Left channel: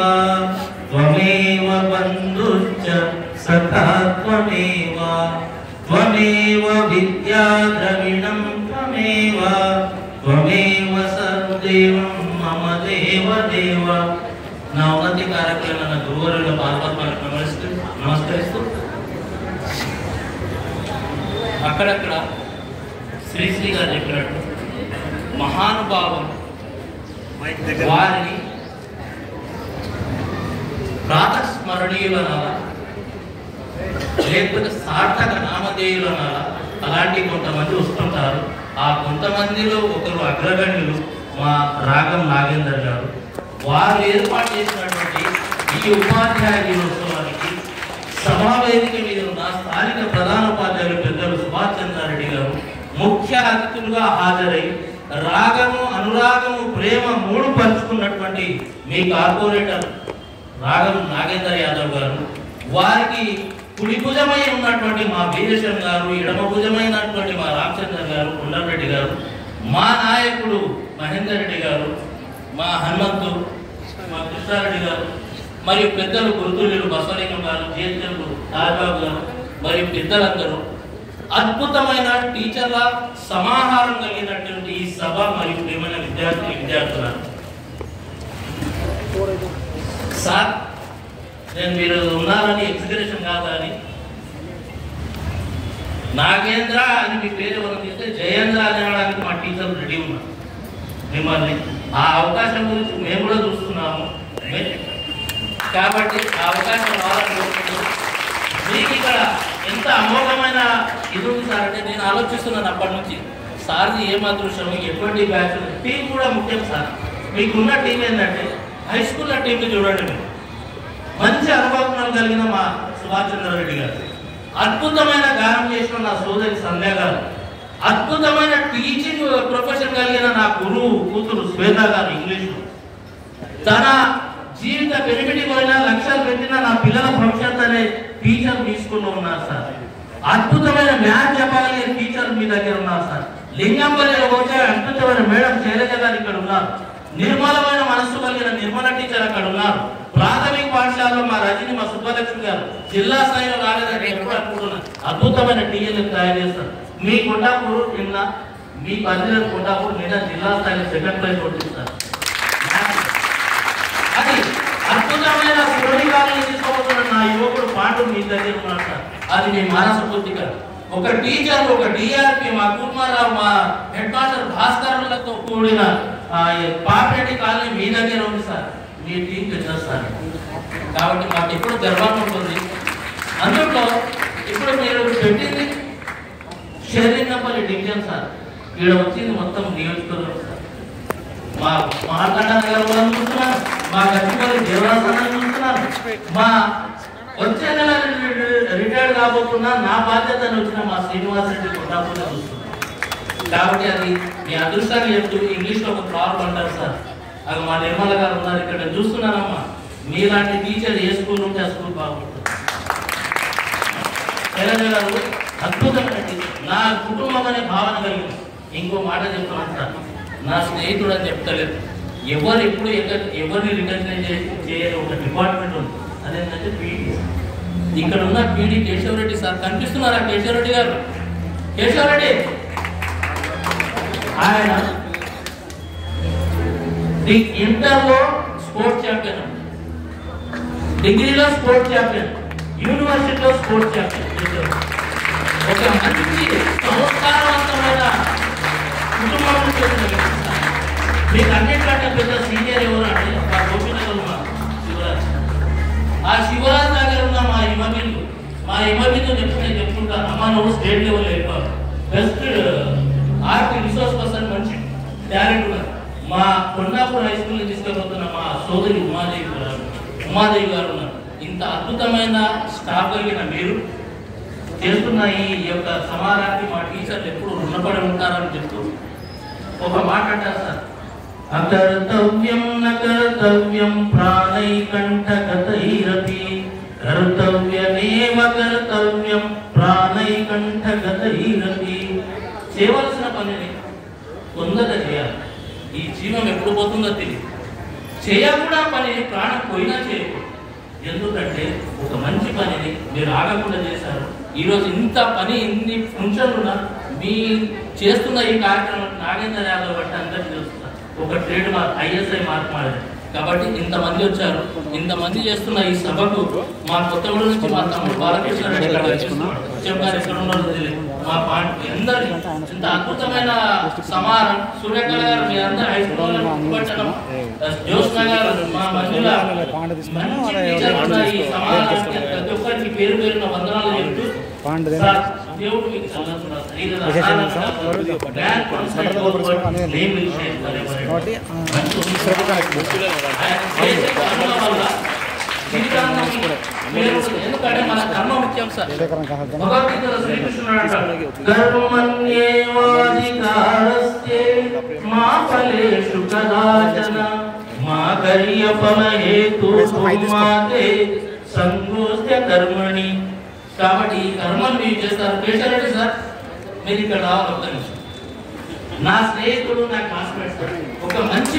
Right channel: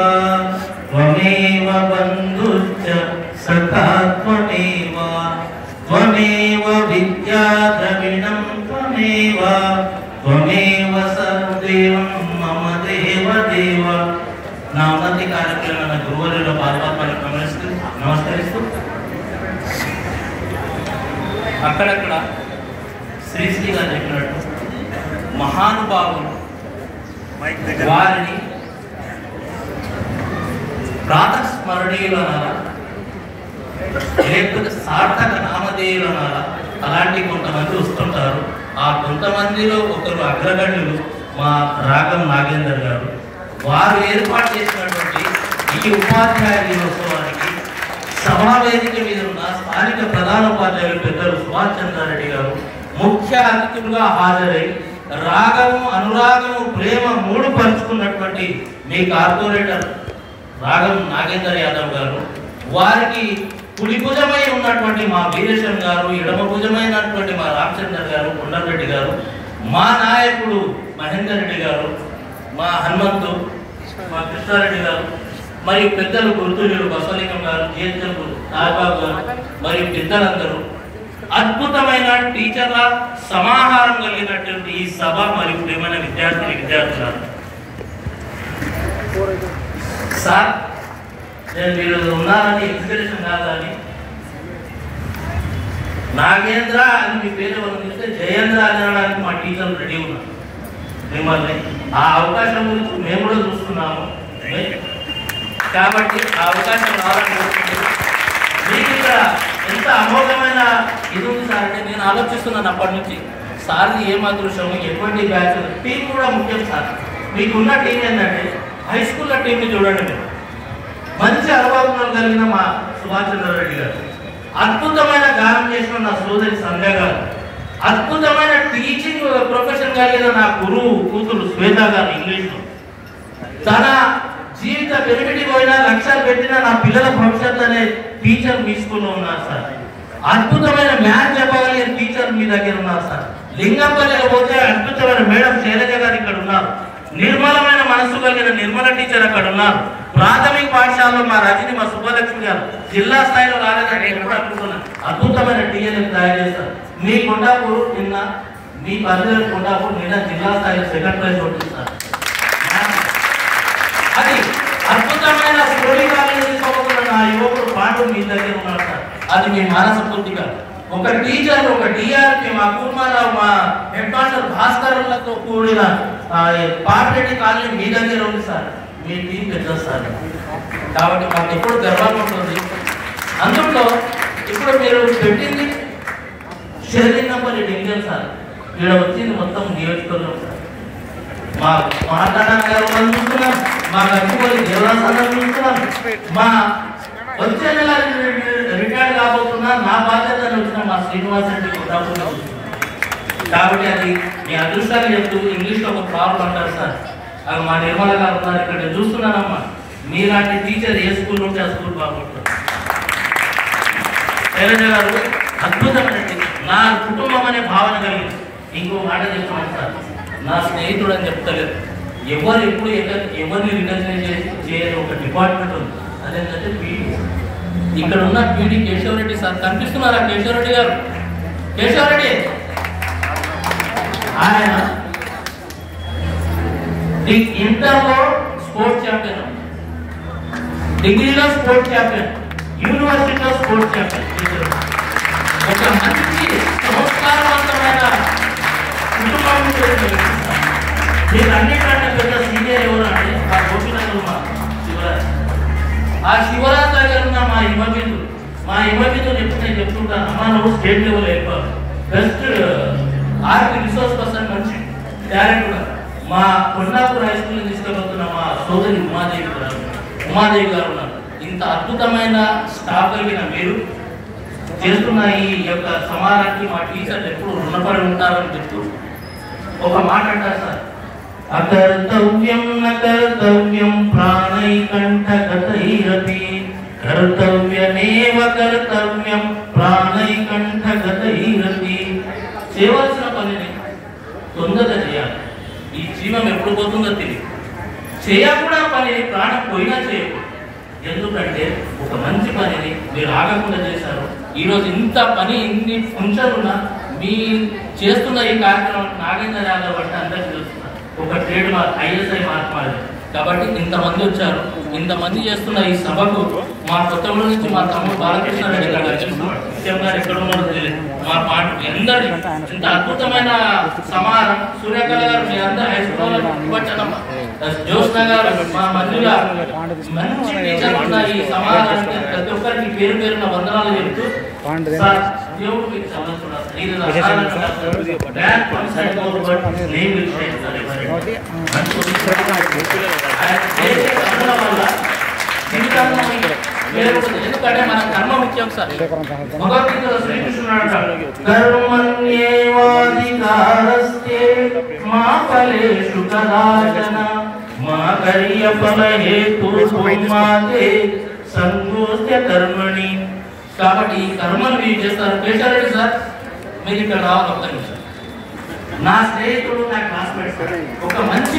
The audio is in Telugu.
त्वमेव बन्धुश्च सखा त्वमेव त्वमेव विद्या द्रविणं त्वमेव त्वमेव सर्वदेवं मम देवदेव నా ఉన్నతి కార్యక్రమాలను గురువుల పాల్గొనడానికి నమస్కరిస్తూ అక్కడక్కడ శ్రీ గారు చెప్పినట్టు మహానుభావులు వారిని ప్రాతస్మరణీయులనాలా లేకపోతే సార్థక నామధేయులనాలా అలాంటి కొంతమంది వస్తుంటారు. ఆ కొంతమందిలో ఒకరు అగ్రగణ్యులు మా రాగం నాగేందర్ గారు. వారు ఏర్పాటు చేసినటువంటి ఈ ఉపాధ్యాయ దినోత్సవానికి సమావేదిక మీద ఉన్న స్థానిక ప్రధాన ఉపాధ్యాయులు పెద్దలు సుభాష్ చంద్రారెడ్డి గారు ముఖ్య అతిథులుగా హాజరై రాగము అనురాగము ప్రేమ మూడు పంచుకున్నటువంటి మీ కార్పొరేటర్ రాగం నాగేందర్ యాదవ్ గారు, వారికి కుడి భుజమై ఉన్నటువంటి మా వీరేశం గారు, ఎడమ భుజమైనటువంటి మా రామచంద్ర గారు, కొండారెడ్డి గారు, మా నాయకుడు మహేందర్ రెడ్డి గారు, మా హనుమంతు, మా కృష్ణారెడ్డి గారు, మరియు పెద్దలు గురుతుల్యులు బసవలింగం గారు, జిహెచ్ఎంలు నాగబాబు గారు, మరియు పెద్దలందరూ అద్భుతమైన టీచర్ల సమాహారం కలిగినటువంటి ఈ సభ మరియు ప్రేమైన విద్యార్థులు సార్, నేను మీరు ఉన్నారని ఎగ్జిబిషన్ కాదని నాగేంద్ర అని మీ పేరు పంపిస్తే జయేంద్ర అనడానికి మా టీచర్లు రెడీ ఉన్నారు. మిమ్మల్ని ఆ అవకాశం గురించి మేము కూడా చూస్తున్నాము. కాబట్టి ఆ అవకాశం రావాలని కోరుకుంటున్నాను. మీకు ఇక్కడ ఎంత అమోఘమైన ఇది ఉంది సార్ అంటే నేను ఆలోచిస్తున్నాను అప్పటి నుంచి సార్ది ఏం అదృశ్యము, ఎటువంటి బ్యాచ్ టీం కూడా ముఖ్యం సార్. మీకున్న టీం ఏంటంటే హై స్కూల్లో టీంని చూడండి. మీరు మంచి అనుభవం కలిగిన మా సుభాష్ చంద్రారెడ్డి గారు, అద్భుతమైన గానం చేసిన నా సోదరి సంధ్య గారు, అద్భుతమైన టీచింగ్ ప్రొఫెషన్ కలిగిన నా గురువు కూతురు శ్వేత గారు, ఇంగ్లీష్ తన జీవిత పెరిగిడి పోయినా లక్ష్యాలు పెట్టిన నా పిల్లల భవిష్యత్ అనే టీచర్ మీ స్కూల్లో ఉన్నారు సార్. అద్భుతమైన మ్యాథ్స్ చెప్పగలిగిన టీచర్ మీ దగ్గర ఉన్నారు సార్. లింగంపల్లిలో వచ్చే అద్భుతమైన మేడం శైలజ గారు ఇక్కడ ఉన్నారు. నిర్మలమైన మనస్సు కలిగిన నిర్మల టీచర్ అక్కడ ఉన్నారు. ప్రాథమిక పాఠశాలలో మా రజని, మా సుబ్బలక్ష్మి గారు జిల్లా స్థాయిలో రాలేదని ఎప్పుడు అనుకుంటున్నారు. అద్భుతమైన టీచర్ తయారు చేస్తారు. మీ కొండాపూర్ నిన్న, మీ పరిధిలో కొండాపూర్ నిన్న జిల్లా స్థాయిలో సెకండ్ ప్రైజ్ వస్తుంది. అది అద్భుతమైన సురళికాలను తీసుకోబోతున్న నా యువకుడు పాండు మీ దగ్గర ఉన్నాడు సార్. అది మీ మానస పూర్తిక ఒక టీచర్, ఒక డిఆర్పి, మా కుమారావు, మా హెడ్ మాస్టర్ భాస్కర్లతో కూడిన పాపిరెడ్డి కాలనీ మీ దగ్గర ఉంది సార్. మీ టీం పెద్ద సార్. కాబట్టి మాకు ఎప్పుడు గర్వంగా ఉంటుంది. అందులో ఇప్పుడు మీరు పెట్టింది షెరింగంపల్లి డివిజన్ సార్. ఇక్కడ వచ్చింది మొత్తం నియోజకవర్గం సార్. మా మాట్లాడాలి అనుకుంటున్నాం, మా గచ్చిపల్లి దేవరాజు చూస్తున్నాను, మా వచ్చే నెల రిటైర్డ్ కాబోతున్నా నా బాధ్యతను వచ్చిన మా శ్రీనివాస్ రెడ్డి చూస్తున్నాను. కాబట్టి అది మీ అదృష్టాన్ని చెప్తూ ఇంగ్లీష్లో ఒక ప్రాబ్లం అంటారు సార్. అది మా నిర్మల గారు ఉన్నారు ఇక్కడ, నేను చూస్తున్నానమ్మా. మీలాంటి టీచర్ ఏ స్కూల్ ఉంటే ఆ స్కూల్ బాగుంటుంది. శైలజ గారు అద్భుతమైన టీచర్, నా కుటుంబం అనే భావన కలిగింది. ఇంకో మాట చెప్తున్నాను సార్, నా స్నేహితుడు అని చెప్తలేదు. ఎవరు ఎప్పుడు ఎవరిని రికగ్నైజ్ చేయని ఒక డిపార్ట్మెంట్ ఉంది, అదేంటంటే పీడి. ఇక్కడ ఉన్న పీడి కేశవరెడ్డి సార్ కనిపిస్తున్నారా? కేశవరెడ్డి గారు, కేశవరెడ్డి ఆయన ఇంటర్లో స్పోర్ట్స్ ఛాంపియన్, డిగ్రీలో స్పోర్ట్స్ ఛాంపియన్, యూనివర్సిటీలో స్పోర్ట్స్ ఛాంపియన్. ఒక మంచి సంస్కారవంతమైన కుటుంబం మీకు అన్నిటికంటే పెద్ద సీనియర్ ఎవరు అంటే మా గోపినగర్ మా శివరాజ్. ఆ శివరాజ్ దగ్గర ఉన్న మా ఇమర్మితో చెప్తుంటాను, అమ్మ నువ్వు స్టేట్ లెవెల్ అయిపోయావు, బెస్ట్ ఆర్ట్ రిసోర్స్ పర్సన్, మంచి టాలెంట్ ఉన్నారు. మా కొండాపూర్ హై స్కూల్ని తీసుకెళ్ళిపోతున్న మా సోదరి ఉమాదేవి గారు ఉన్నారు. ఇంత అద్భుతమైన స్టాఫ్ కలిగిన మీరు చేస్తున్న ఈ యొక్క సమాజానికి మా టీచర్లు ఎప్పుడు రుణపడి ఉంటారని చెప్తూ ఒక మాట అంటారు సార్, అకర్తవ్యం అకర్తవ్యం ప్రాణైకంఠగతైరపి కర్తవ్యమేవ కర్తవ్యం ప్రాణైకంఠగతైరపి. చేయవలసిన పనిని తొందరగా చేయాలి. ఈ జీవం ఎప్పుడు పోతుందో తెలియదు. చేయకుండా పనిని ప్రాణం పోయినా చేయకూడదు. ఎందుకంటే ఒక మంచి పనిని మీరు ఆగకుండా చేశారు. ఈరోజు ఇంత పని ఇన్ని ఫంక్షన్లు ఉన్నా మీ చేస్తున్న ఈ కార్యక్రమం నాగేంద్ర యాదవ్ బట్టి అందరికీ తెలుస్తున్నారు. ఒక ట్రేడ్ మార్క్ ISI మార్క్ మారింది కాబట్టి ఇంతమంది వచ్చారు. ఇంతమంది చేస్తున్న ఈ సభకు మా కొత్తగూడెం నుంచి మా తమ్ముడు బాలకృష్ణ రెడ్డి గారు ఎక్కడ ఉన్నారో తెలియదు. మా పార్టీ అందరి ఇంత అద్భుతమైన సమాహారం. సూర్యకళ గారు మీ అందరూ హై స్కూల్ జ్యోత్స్న గారు మా మంజుల మంచి టీచర్ ఉన్న ఈ సమాహారానికి ప్రతి ఒక్కరికి పేరు పేరున వందనాలు చెప్తూ సార్ దేవుడు మీకు ఎందుకంటే మన కర్మ ముఖ్యం సార్. భగవద్గీతలో శ్రీకృష్ణుడు అంటాడు కర్మణ్యేవాధికారస్తే మా ఫలేషు కదాచన మా కార్యఫలహేతుర్మాతే సంగోస్య కర్మణి. కాబట్టి ఈ కర్మను మీరు చేస్తారు. పేషారెడ్డి సార్ మీరు ఇక్కడ రావాలి. ఒక్క నిమిషం. నా స్నేహితుడు నా క్లాస్మేట్ సార్ ఒక మంచి